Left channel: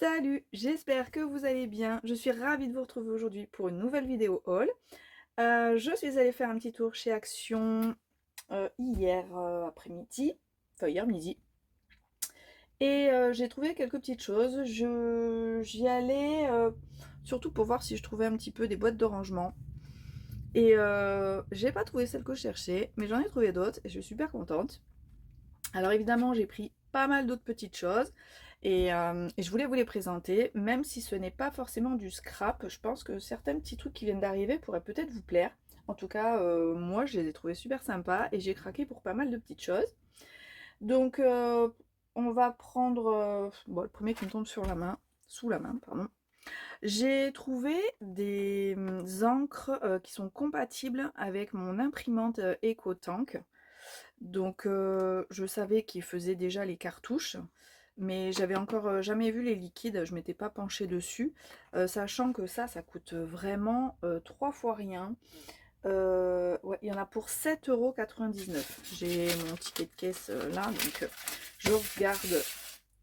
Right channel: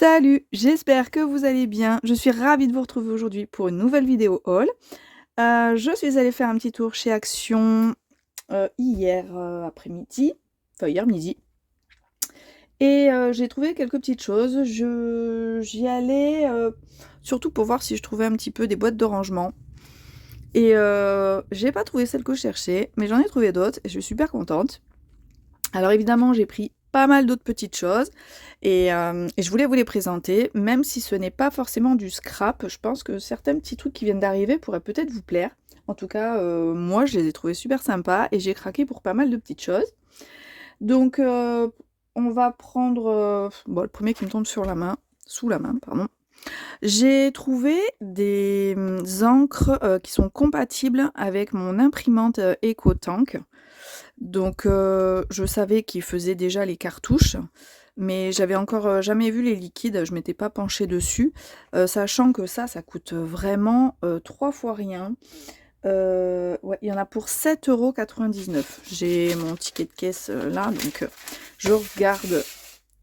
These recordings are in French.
Salut, j'espère que vous allez bien. Je suis ravie de vous retrouver aujourd'hui pour une nouvelle vidéo haul. Je suis allée faire un petit tour chez Action, hier, après-midi, enfin hier midi et j'ai trouvé quelques petites choses. J'y allais, surtout pour voir si je trouvais un petit peu des boîtes de rangement et j'ai pas trouvé celle que je cherchais, mais j'en ai trouvé d'autres et je suis super contente. Alors évidemment, j'ai pris pas mal d'autres petites choses et je voulais vous les présenter, même si ce n'est pas forcément du scrap. Je pense que certains petits trucs qui viennent d'arriver pourraient peut-être vous plaire. En tout cas, moi, je les ai trouvés super sympas et j'ai craqué pour pas mal de petites choses. Donc, on va prendre, bon, le premier qui me tombe sur la main sous la main, pardon. J'ai trouvé des, encres, qui sont compatibles avec mon imprimante, EcoTank. Donc je savais qu'ils faisaient déjà les cartouches, mais j'avais encore, jamais vu les liquides, je m'étais pas penchée dessus, sachant que ça coûte vraiment, 3 fois rien. Ouais, il y en a pour 7,99 €. J'ai mon ticket de caisse, là, donc je regarde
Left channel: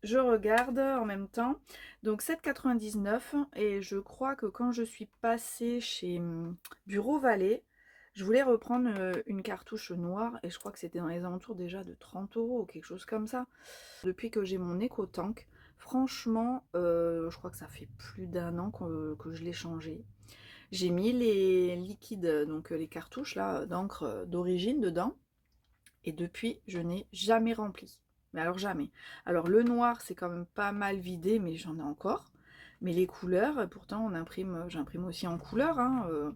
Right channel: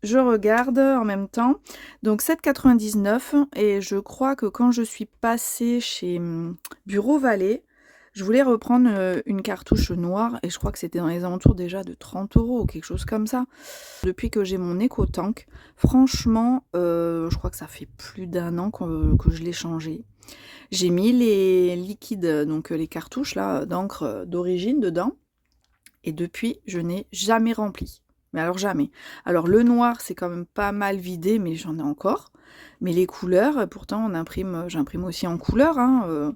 je regarde en même temps. Donc 7,99 € et je crois que quand je suis passée chez, Bureau Vallée, je voulais reprendre, une cartouche noire et je crois que c'était dans les alentours déjà de 30 € ou quelque chose comme ça. Depuis que j'ai mon EcoTank, franchement, je crois que ça fait plus d'1 an que je l'ai changé. J'ai mis les liquides, donc les cartouches là, d'encre, d'origine dedans et depuis, je n'ai jamais rempli. Mais alors jamais. Alors le noir, c'est quand même pas mal vidé, mais j'en ai encore. Mais les couleurs, pourtant j'imprime aussi en couleur, hein,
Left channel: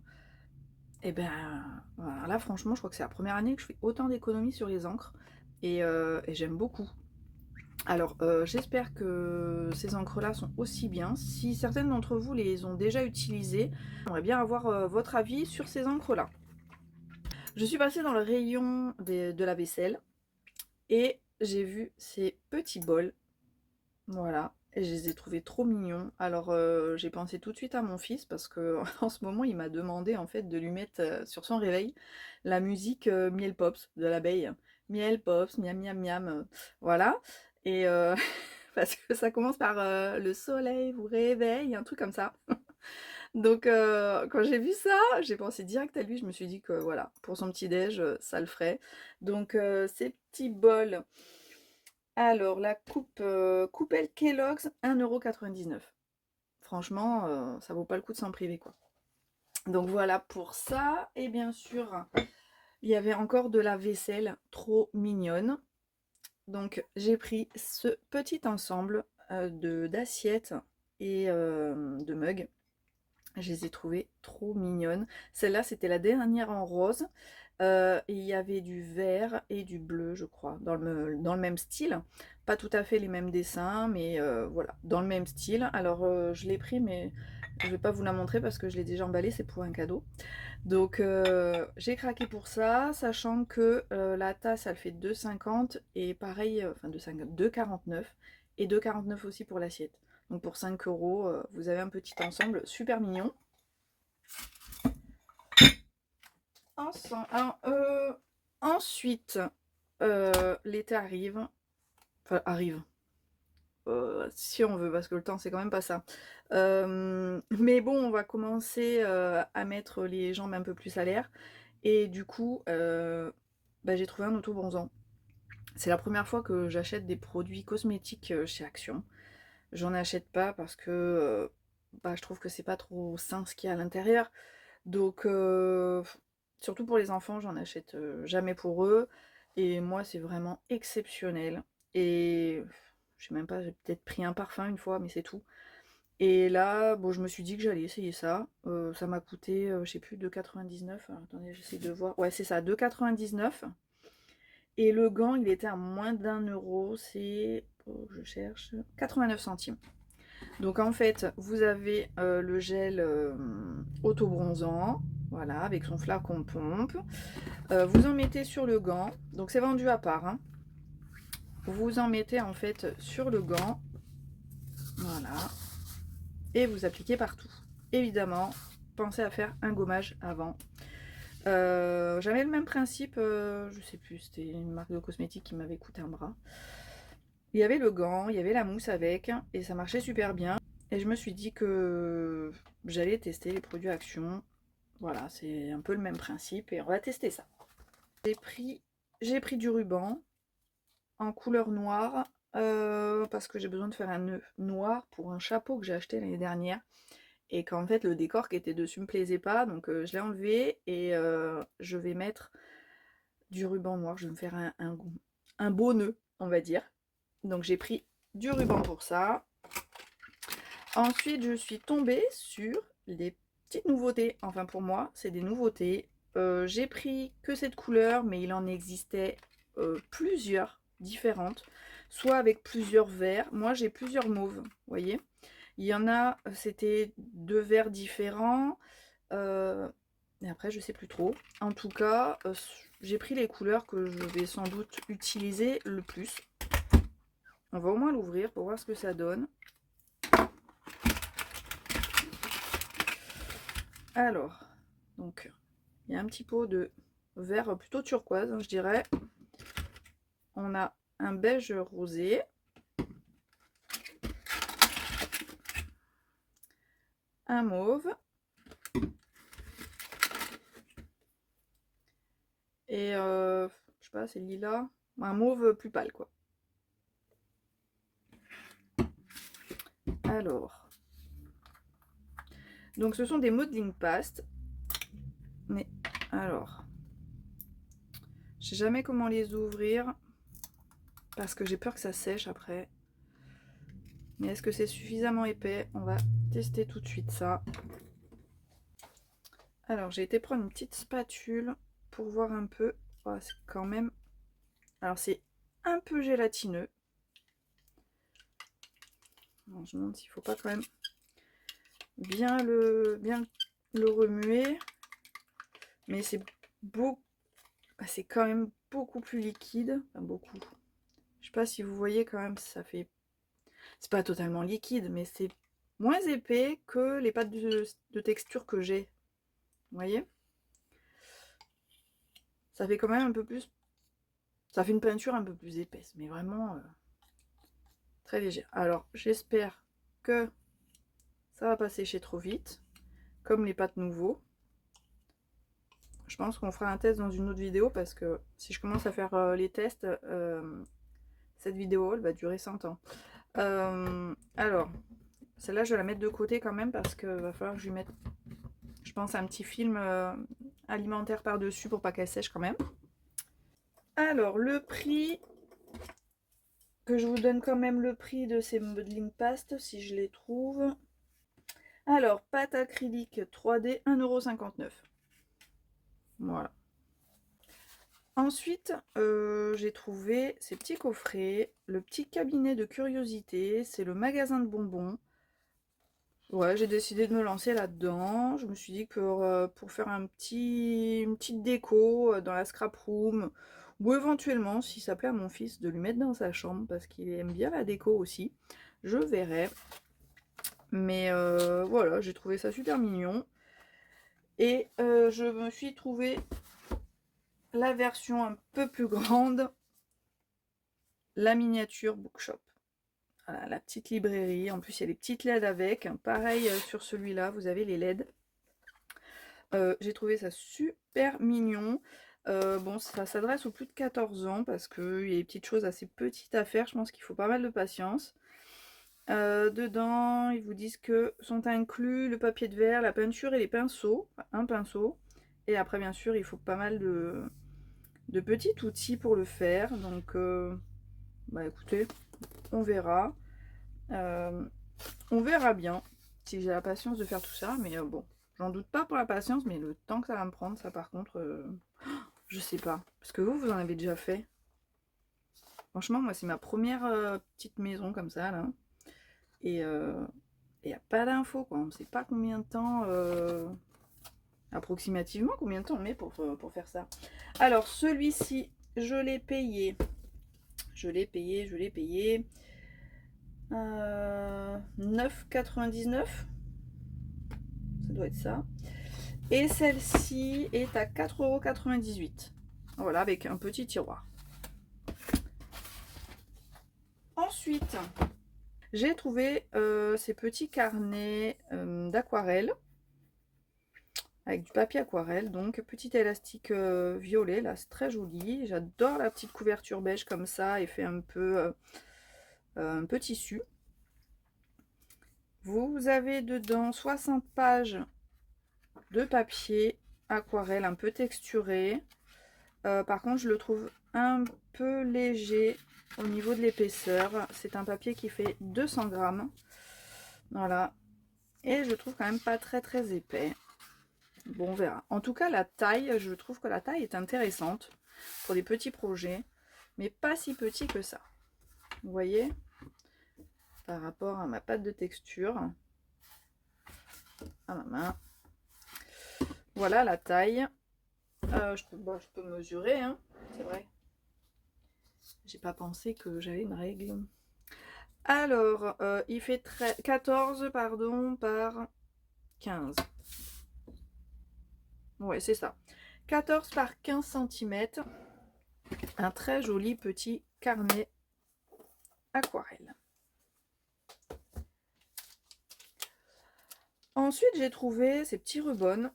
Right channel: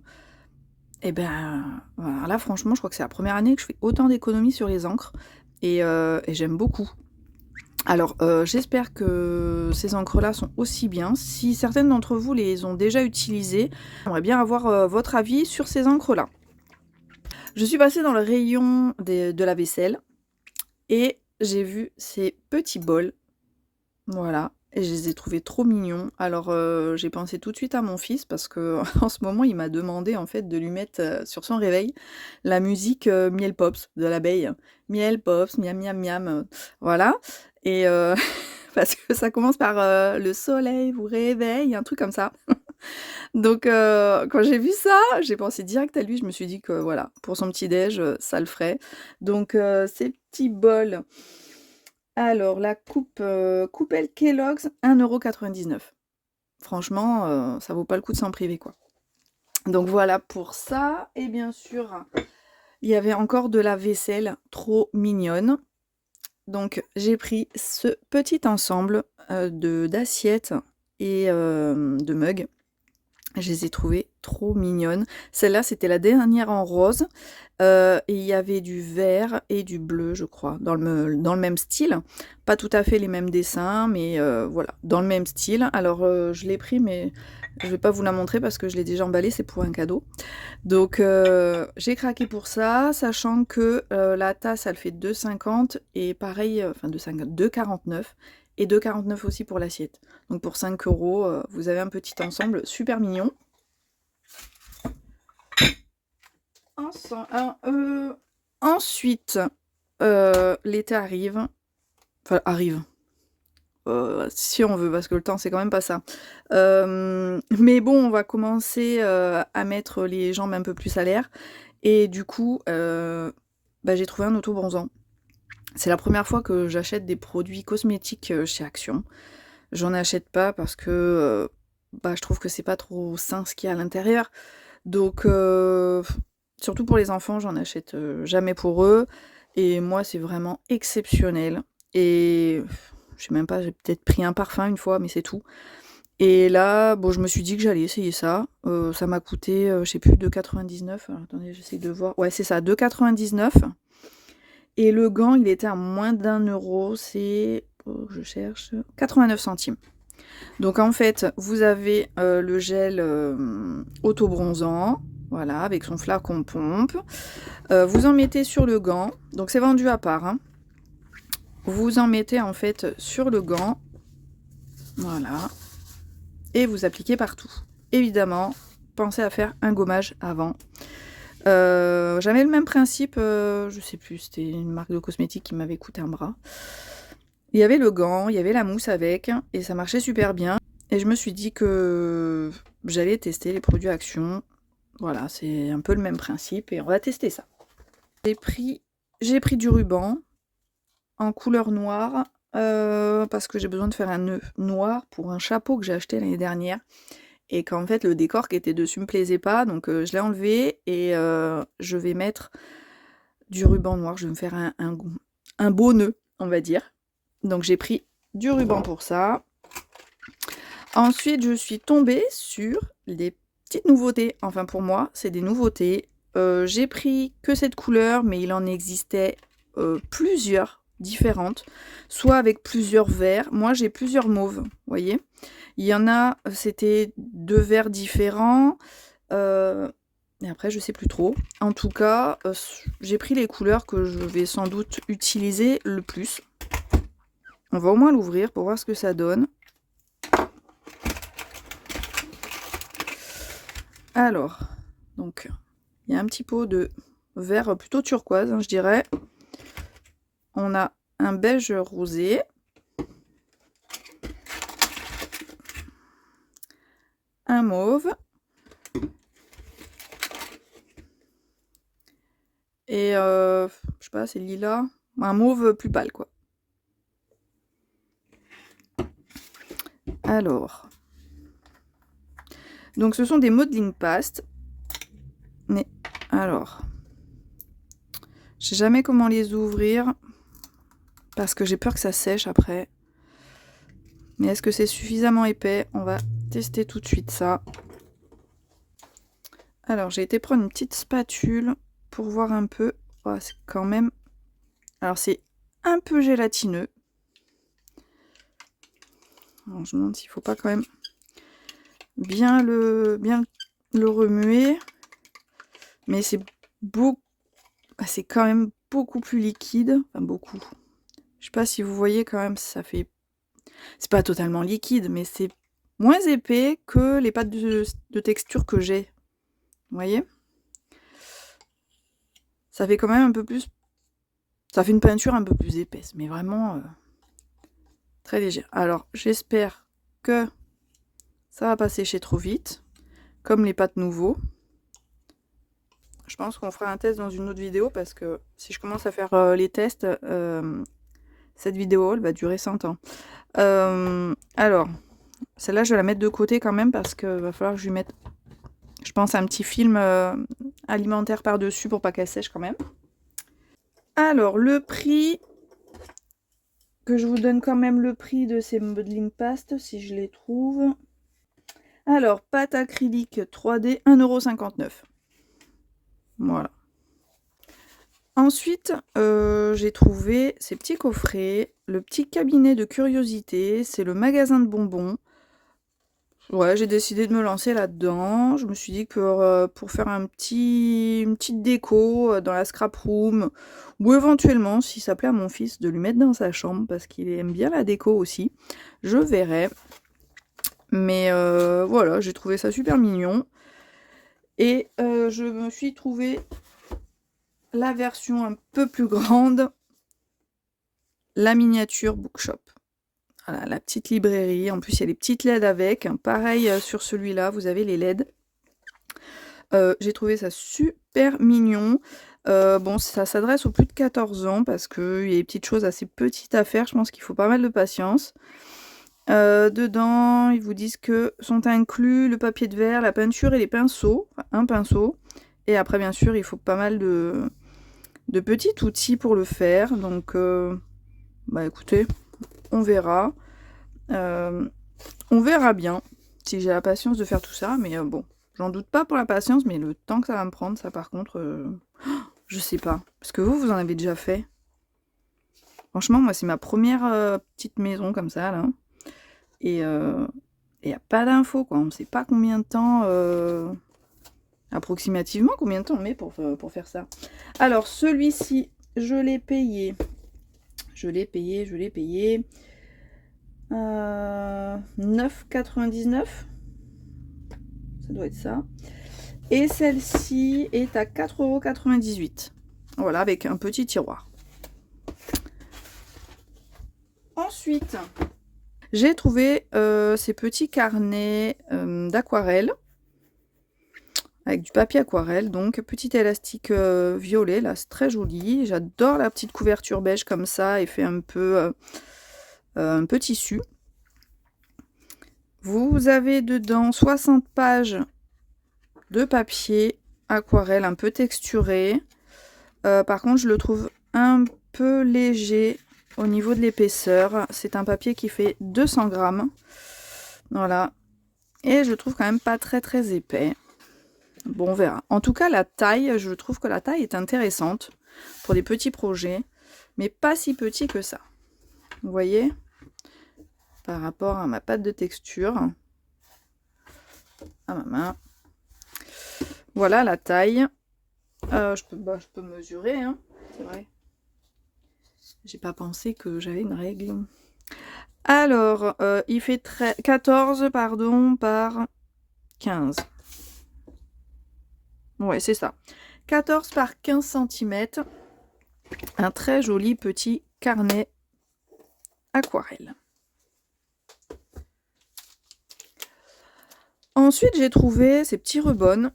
et ben, voilà, là franchement, je crois que c'est la première année que je fais autant d'économies sur les encres et j'aime beaucoup. Alors, j'espère que ces encres-là sont aussi bien. Si certaines d'entre vous les ont déjà utilisées, j'aimerais bien avoir, votre avis sur ces encres-là. Je suis passée dans le rayon de la vaisselle et j'ai vu ces petits bols, voilà, et je les ai trouvés trop mignons. Alors, j'ai pensé tout de suite à mon fils parce que en ce moment, il m'a demandé en fait de lui mettre, sur son réveil, la musique, Miel Pops de l'abeille. Miel Pops, miam miam miam, voilà et parce que ça commence par, «Le soleil vous réveille», un truc comme ça. Donc quand j'ai vu ça, j'ai pensé direct à lui, je me suis dit que voilà, pour son petit déj, ça le ferait. Donc ces petits bols, alors la coupe, coupelle Kellogg's, 1,99 €. Franchement, ça vaut pas le coup de s'en priver, quoi. Donc voilà pour ça et bien sûr, il y avait encore de la vaisselle trop mignonne. Donc j'ai pris ce petit ensemble, d'assiettes et de mugs. Je les ai trouvées trop mignonnes. Celle-là, c'était la dernière en rose, et il y avait du vert et du bleu, je crois, dans le même style. Pas tout à fait les mêmes dessins, mais voilà, dans le même style. Alors, je l'ai pris, mais je vais pas vous la montrer parce que je l'ai déjà emballée, c'est pour un cadeau. Donc, j'ai craqué pour ça, sachant que, la tasse, elle fait 2,50 et pareil, enfin 2,50, 2,49 et 2,49 aussi pour l'assiette. Donc pour 5 €, vous avez un petit ensemble super mignon. Alors, ensuite, l'été arrive, enfin arrive, si on veut, parce que le temps c'est quand même pas ça. Mais bon, on va commencer, à mettre les jambes un peu plus à l'air et du coup, bah, j'ai trouvé un autobronzant. C'est la première fois que j'achète des produits cosmétiques, chez Action. J'en achète pas parce que, bah, je trouve que c'est pas trop sain ce qu'il y a à l'intérieur. Donc surtout pour les enfants, j'en achète, jamais pour eux et moi, c'est vraiment exceptionnel et je sais même pas, j'ai peut-être pris un parfum une fois, mais c'est tout et là, bon, je me suis dit que j'allais essayer ça. Ça m'a coûté, je sais plus 2,99 €. Alors attendez, j'essaye de voir. Ouais, c'est ça, 2,99 € et le gant, il était à moins d'1 €, c'est, je cherche, 89 centimes. Donc en fait, vous avez, le gel, autobronzant, voilà, avec son flacon pompe. Vous en mettez sur le gant, donc c'est vendu à part, hein. Vous en mettez en fait sur le gant, voilà, et vous appliquez partout. Évidemment, pensez à faire un gommage avant. J'avais le même principe, je sais plus, c'était une marque de cosmétiques qui m'avait coûté un bras. Il y avait le gant, il y avait la mousse avec, et ça marchait super bien. Et je me suis dit que j'allais tester les produits Action. Voilà, c'est un peu le même principe, et on va tester ça. J'ai pris du ruban en couleur noire, parce que j'ai besoin de faire un nœud noir pour un chapeau que j'ai acheté l'année dernière. Et qu'en fait, le décor qui était dessus me plaisait pas, donc je l'ai enlevé, et je vais mettre du ruban noir. Je vais me faire un beau nœud, on va dire. Donc j'ai pris du ruban pour ça. Ensuite, je suis tombée sur des petites nouveautés. Enfin, pour moi, c'est des nouveautés. J'ai pris que cette couleur, mais il en existait plusieurs différentes, soit avec plusieurs verts. Moi, j'ai plusieurs mauves, vous voyez. Il y en a, c'était 2 verts différents. Et après, je sais plus trop. En tout cas, j'ai pris les couleurs que je vais sans doute utiliser le plus. On va au moins l'ouvrir pour voir ce que ça donne. Alors, donc, il y a un petit pot de vert plutôt turquoise, hein, je dirais. On a un beige rosé. Un mauve. Et, je sais pas, c'est lilas. Un mauve plus pâle, quoi. Alors, donc ce sont des modeling pastes. Mais, alors, je sais jamais comment les ouvrir, parce que j'ai peur que ça sèche après. Mais est-ce que c'est suffisamment épais? On va tester tout de suite ça. Alors, j'ai été prendre une petite spatule pour voir un peu. Oh, c'est quand même... Alors, c'est un peu gélatineux. Alors, je me demande s'il ne faut pas quand même bien le remuer. Mais c'est quand même beaucoup plus liquide. Enfin, beaucoup. Je sais pas si vous voyez quand même, ça fait... C'est pas totalement liquide, mais c'est moins épais que les pâtes de texture que j'ai. Vous voyez? Ça fait quand même un peu plus... Ça fait une peinture un peu plus épaisse, mais vraiment très légère. Alors, j'espère que ça va pas sécher trop vite, comme les pâtes nouveaux. Je pense qu'on fera un test dans une autre vidéo, parce que si je commence à faire les tests, cette vidéo elle va durer 100 ans. Alors, celle-là, je vais la mettre de côté quand même, parce qu'il va falloir que je lui mette, je pense, un petit film alimentaire par-dessus pour pas qu'elle sèche quand même. Alors, le prix, que je vous donne quand même le prix de ces modeling pastes, si je les trouve. Alors, pâte acrylique 3D, 1,59 €. Voilà. Ensuite, j'ai trouvé ces petits coffrets, le petit cabinet de curiosité, c'est le magasin de bonbons. Ouais, j'ai décidé de me lancer là-dedans. Je me suis dit que pour faire une petite déco dans la scrap room, ou éventuellement, si ça plaît à mon fils, de lui mettre dans sa chambre, parce qu'il aime bien la déco aussi, je verrai. Mais voilà, j'ai trouvé ça super mignon. Et je me suis trouvé la version un peu plus grande, la miniature bookshop. Voilà, la petite librairie. En plus, il y a les petites LED avec. Pareil sur celui-là, vous avez les LED. J'ai trouvé ça super mignon. Bon, ça s'adresse aux plus de 14 ans, parce qu'il y a des petites choses assez petites à faire. Je pense qu'il faut pas mal de patience. Dedans, ils vous disent que sont inclus le papier de verre, la peinture et les pinceaux. Enfin, un pinceau. Et après, bien sûr, il faut pas mal de petits outils pour le faire. Donc, bah écoutez, on verra. On verra bien si j'ai la patience de faire tout ça. Mais bon, j'en doute pas pour la patience, mais le temps que ça va me prendre, ça par contre, je sais pas. Parce que vous en avez déjà fait. Franchement, moi, c'est ma première petite maison comme ça, là. Et il n'y a pas d'infos, quoi. On ne sait pas combien de temps, approximativement, combien de temps on met pour faire ça. Alors, celui-ci, je l'ai payé. 9,99 €. Ça doit être ça. Et celle-ci est à 4,98 €. Voilà, avec un petit tiroir. Ensuite, j'ai trouvé ces petits carnets d'aquarelle avec du papier aquarelle, donc petit élastique violet, là c'est très joli. J'adore la petite couverture beige comme ça, et fait un peu tissu. Vous avez dedans 60 pages de papier aquarelle un peu texturé. Par contre, je le trouve un peu léger au niveau de l'épaisseur. C'est un papier qui fait 200 grammes. Voilà. Et je trouve quand même pas très épais. Bon, on verra. En tout cas, la taille, je trouve que la taille est intéressante pour des petits projets, mais pas si petit que ça. Vous voyez, par rapport à ma pâte de texture, à ma main. Voilà la taille. Je peux mesurer, hein, c'est vrai. J'ai pas pensé que j'avais une règle. Alors, il fait 14 pardon, par 15. Ouais, c'est ça. 14 par 15 cm. Un très joli petit carnet aquarelle. Ensuite, j'ai trouvé ces petits rubans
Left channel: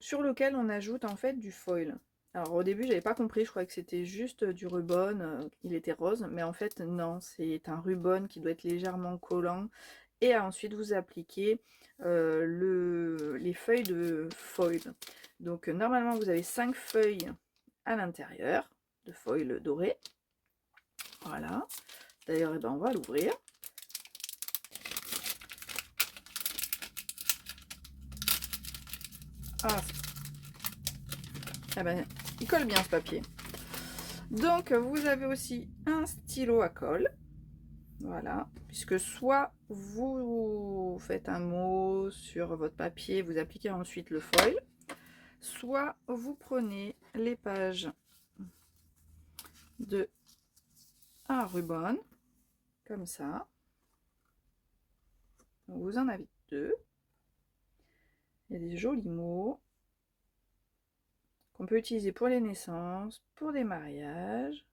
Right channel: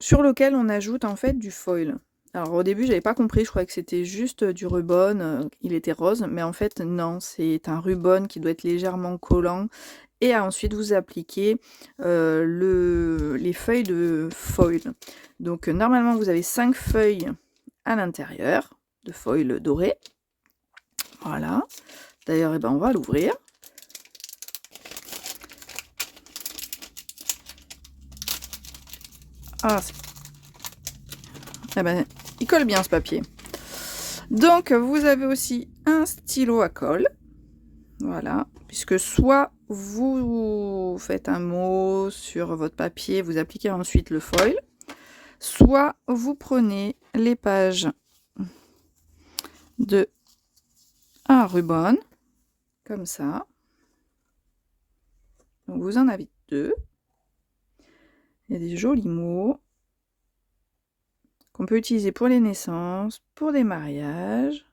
sur lequel on ajoute en fait du foil. Alors au début, j'avais pas compris, je croyais que c'était juste du ruban, il était rose, mais en fait non, c'est un ruban qui doit être légèrement collant. Et ensuite vous appliquez les feuilles de foil. Donc normalement vous avez 5 feuilles à l'intérieur de foil doré. Voilà. D'ailleurs, on va l'ouvrir. Ah, il colle bien ce papier. Donc vous avez aussi un stylo à colle. Voilà, puisque soit vous faites un mot sur votre papier, vous appliquez ensuite le foil, soit vous prenez les pages de un ruban, comme ça. Donc vous en avez 2. Il y a des jolis mots qu'on peut utiliser pour les naissances, pour des mariages,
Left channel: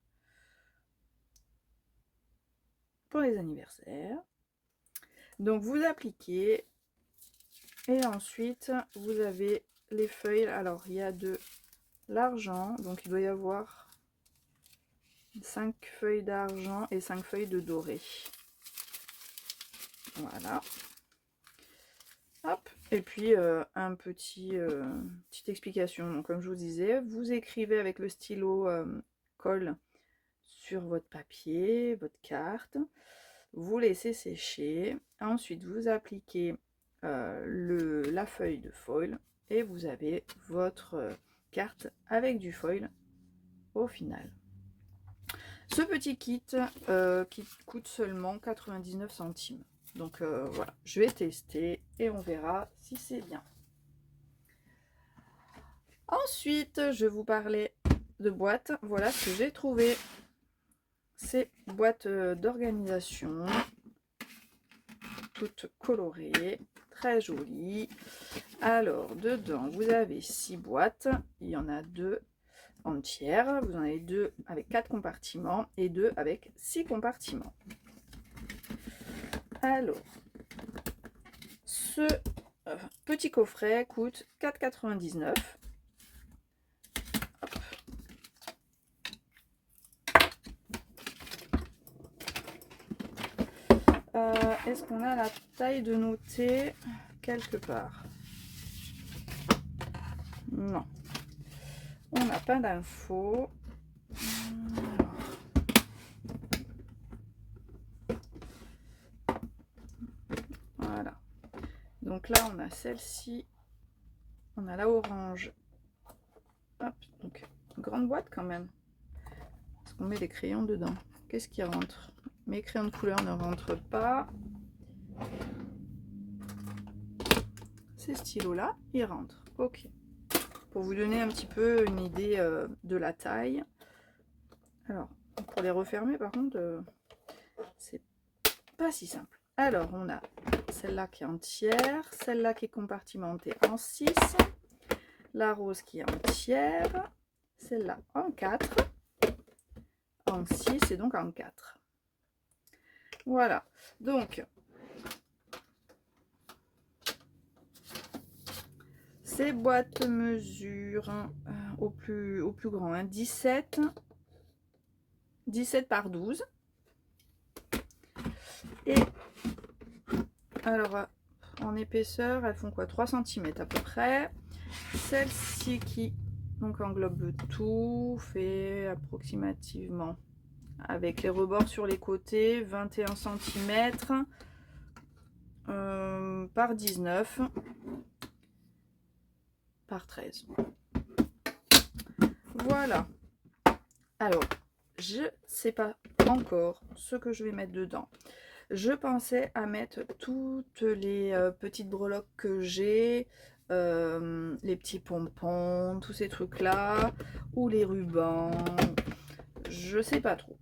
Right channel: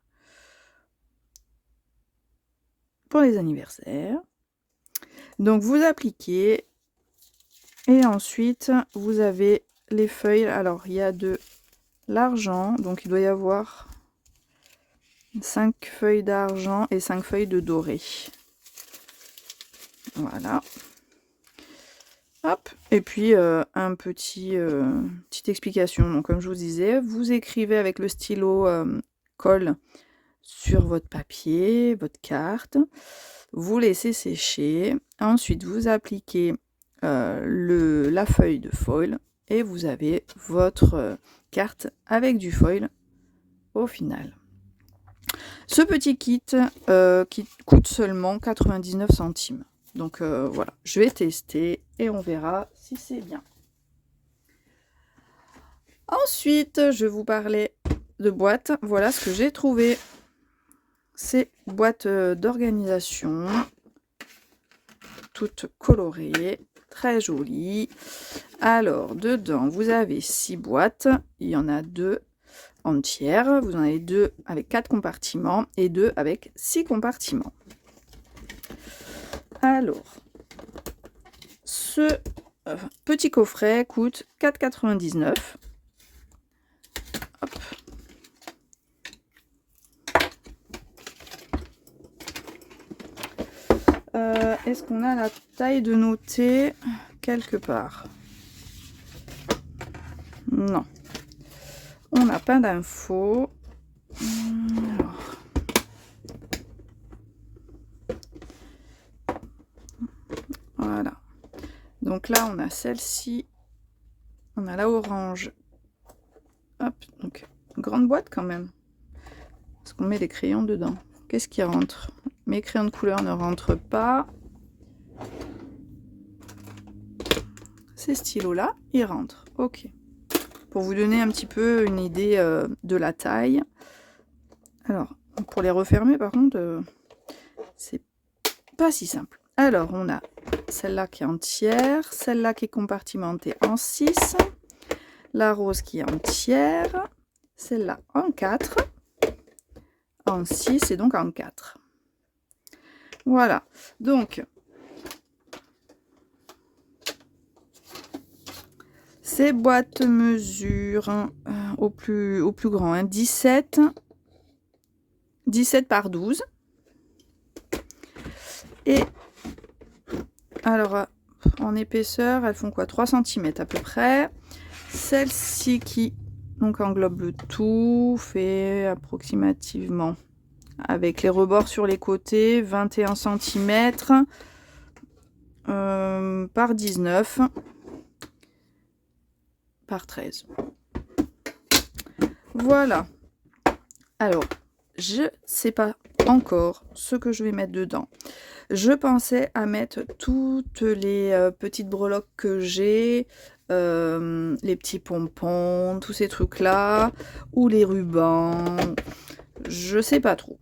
pour les anniversaires. Donc vous appliquez et ensuite vous avez les feuilles. Alors il y a de l'argent, donc il doit y avoir 5 feuilles d'argent et 5 feuilles de doré. Voilà. Hop. Et puis un petite explication. Donc comme je vous disais, vous écrivez avec le stylo colle sur votre papier, votre carte. Vous laissez sécher. Ensuite, vous appliquez la feuille de foil et vous avez votre carte avec du foil au final. Ce petit kit qui coûte seulement 99 centimes. Donc voilà, je vais tester et on verra si c'est bien. Ensuite, je vous parlais de boîtes. Voilà ce que j'ai trouvé. Ces boîtes d'organisation, toutes colorées, très jolies. Alors, dedans, vous avez 6 boîtes. Il y en a 2 entières. Vous en avez 2 avec 4 compartiments et 2 avec 6 compartiments. Alors, ce petit coffret coûte 4,99 €. Est-ce qu'on a la taille de nos thés quelque part? Non. On n'a pas d'infos. Voilà. Donc là, on a celle-ci. On a la orange. Hop, donc une grande boîte quand même. Parce qu'on met des crayons dedans. Qu'est-ce qui rentre? Mes crayons de couleur ne rentrent pas. Ces stylos-là, ils rentrent. Ok. Pour vous donner un petit peu une idée de la taille. Alors, pour les refermer, par contre, c'est pas si simple. Alors, on a celle-là qui est entière, celle-là qui est compartimentée en 6, la rose qui est entière, celle-là en 4, en 6 et donc en 4. Voilà, donc ces boîtes mesurent au plus grand, hein, 17 par 12. Et alors, en épaisseur, elles font quoi? 3 cm à peu près. Celle-ci qui donc englobe le tout fait approximativement, avec les rebords sur les côtés, 21 cm par 19 par 13. Voilà. Alors, je sais pas encore ce que je vais mettre dedans. Je pensais à mettre toutes les petites breloques que j'ai, les petits pompons, tous ces trucs-là, ou les rubans. Je sais pas trop.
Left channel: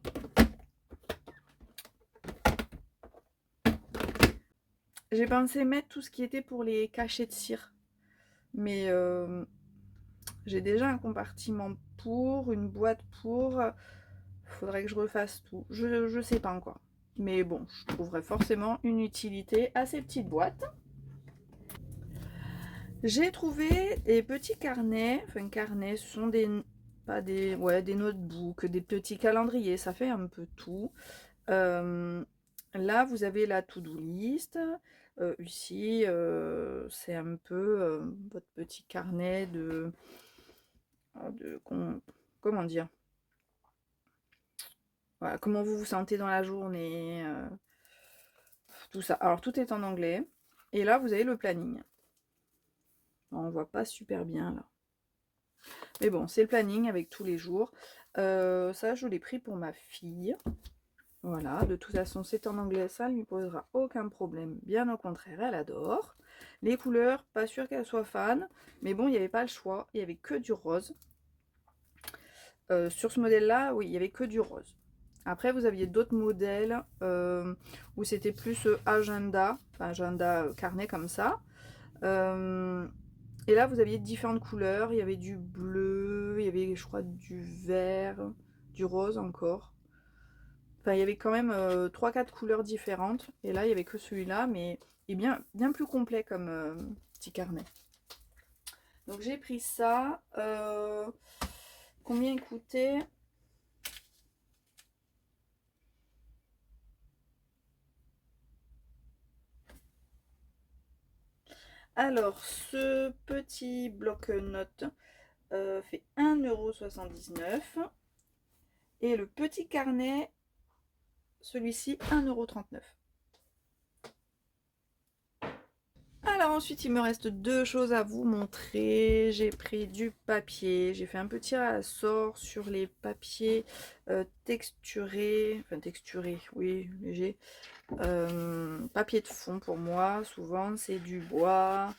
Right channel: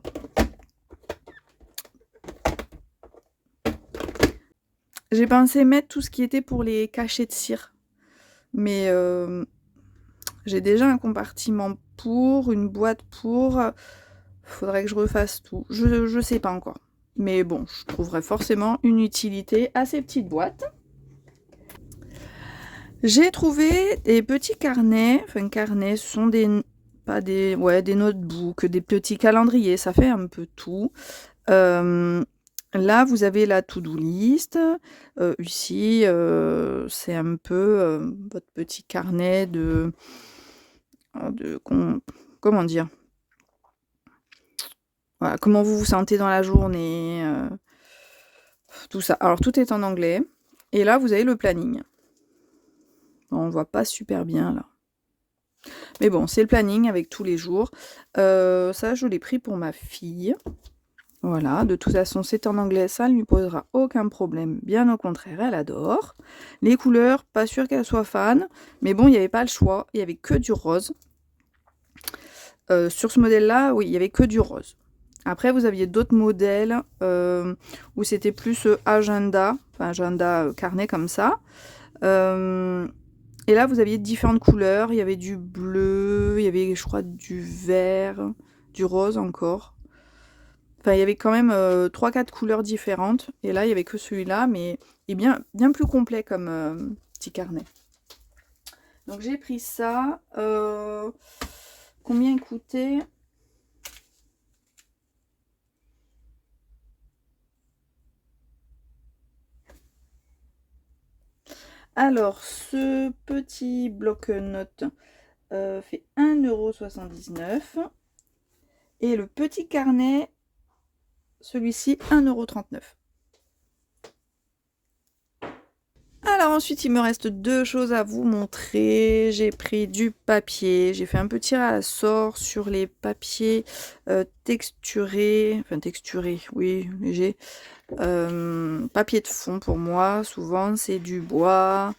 J'ai pensé mettre tout ce qui était pour les cachets de cire. Mais j'ai déjà un compartiment pour, une boîte pour. Faudrait que je refasse tout. Je sais pas encore. Mais bon, je trouverai forcément une utilité à ces petites boîtes. J'ai trouvé des petits carnets. Enfin, carnets, ce sont des notebooks, des petits calendriers. Ça fait un peu tout. Là, vous avez la to-do list. Ici, c'est un peu votre petit carnet comment dire? Voilà, comment vous vous sentez dans la journée, tout ça. Alors, tout est en anglais. Et là, vous avez le planning. Bon, on voit pas super bien, là. Mais bon, c'est le planning avec tous les jours. Ça, je l'ai pris pour ma fille. Voilà, de toute façon, c'est en anglais, ça ne lui posera aucun problème. Bien au contraire, elle adore. Les couleurs, pas sûre qu'elle soit fan. Mais bon, il n'y avait pas le choix. Il n'y avait que du rose. Sur ce modèle-là, oui, il n'y avait que du rose. Après, vous aviez d'autres modèles où c'était plus agenda, enfin agenda carnet comme ça. Et là, vous aviez différentes couleurs. Il y avait du bleu, il y avait, je crois, du vert, du rose encore. Enfin, il y avait quand même 3-4 couleurs différentes. Et là, il n'y avait que celui-là, mais il est bien plus complet comme petit carnet. Donc, j'ai pris ça. Combien il coûtait ? Alors, ce petit bloc-notes fait 1,79 €. Et le petit carnet, celui-ci, 1,39 €. Alors ensuite, il me reste deux choses à vous montrer. J'ai pris du papier. J'ai fait un petit tirage à la sort sur les papiers texturés. Enfin, texturés, oui, léger. Papier de fond pour moi, souvent, c'est du bois.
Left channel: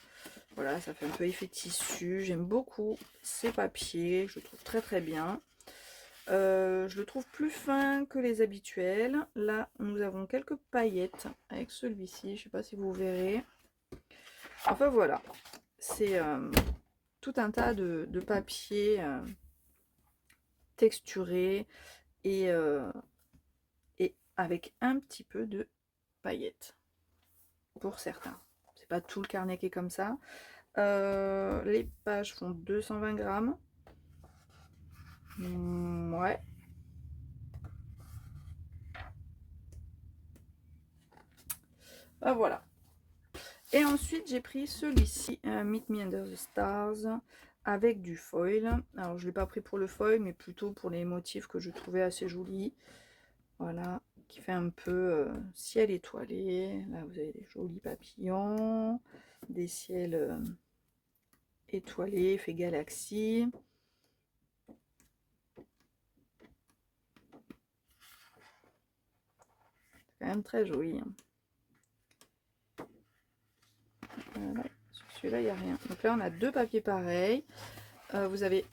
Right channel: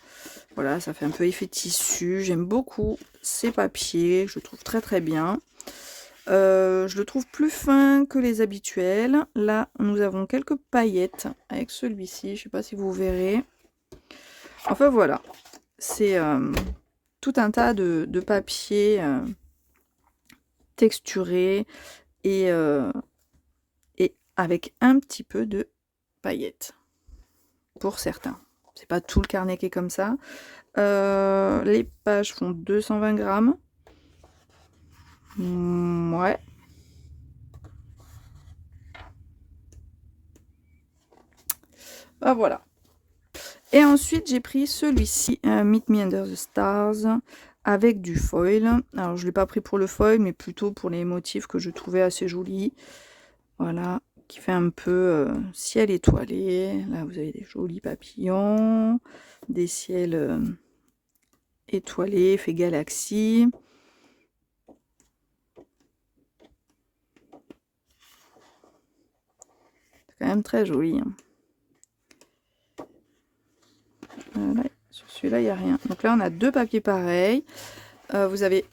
Voilà, ça fait un peu effet tissu. J'aime beaucoup ces papiers. Je le trouve très très bien. Je le trouve plus fin que les habituels. Là, nous avons quelques paillettes avec celui-ci. Je ne sais pas si vous verrez. Enfin voilà, c'est tout un tas de papiers texturés et avec un petit peu de paillettes pour certains. C'est pas tout le carnet qui est comme ça. Les pages font 220 grammes. Ouais. Ah, voilà. Et ensuite, j'ai pris celui-ci, Meet Me Under the Stars, avec du foil. Alors, je ne l'ai pas pris pour le foil, mais plutôt pour les motifs que je trouvais assez jolis. Voilà, qui fait un peu ciel étoilé. Là, vous avez des jolis papillons, des ciels étoilés, fait galaxie. C'est quand même très joli. Hein. Ouais, sur celui-là, il n'y a rien. Donc là, on a deux papiers pareils. Vous avez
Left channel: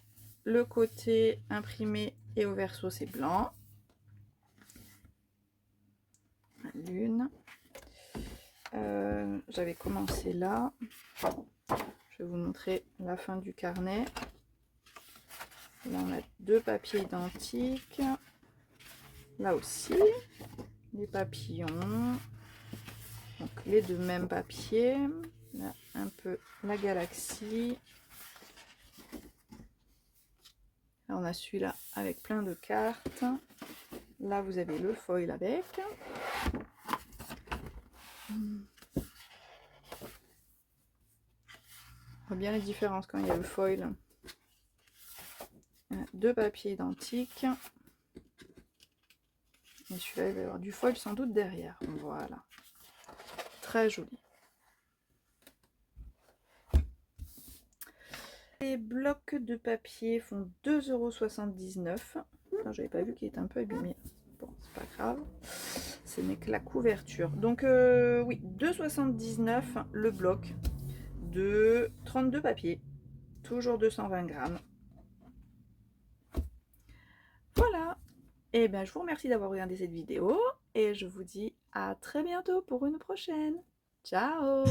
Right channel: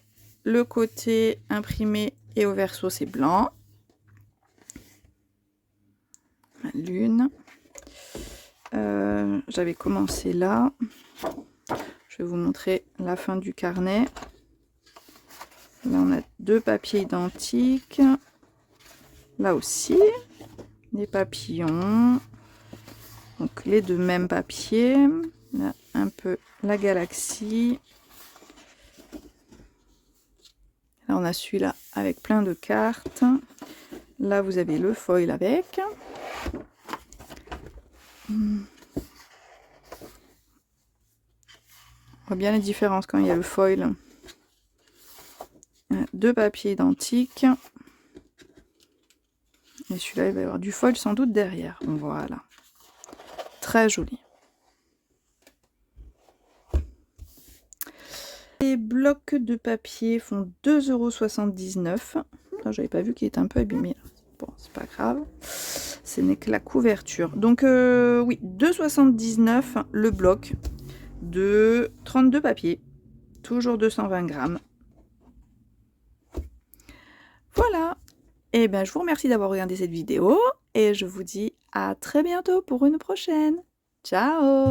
le côté imprimé et au verso, c'est blanc. La lune. J'avais commencé là. Je vais vous montrer la fin du carnet. Là, on a deux papiers identiques. Là aussi, des papillons. Donc les deux mêmes papiers. Là, un peu la galaxie. Là, on a celui-là avec plein de cartes. Là, vous avez le foil avec. On voit bien les différences quand il y a le foil. Deux papiers identiques. Et celui-là, il va y avoir du foil sans doute derrière. Voilà. Très joli. Les blocs de papier font 2,79 €. J'avais pas vu qu'il était un peu abîmé. Bon, c'est pas grave. Ce n'est que la couverture. Donc, oui, 2,79 € le bloc de 32 papiers. Toujours 220 grammes. Voilà. Et bien, je vous remercie d'avoir regardé cette vidéo. Et je vous dis à très bientôt pour une prochaine. Ciao!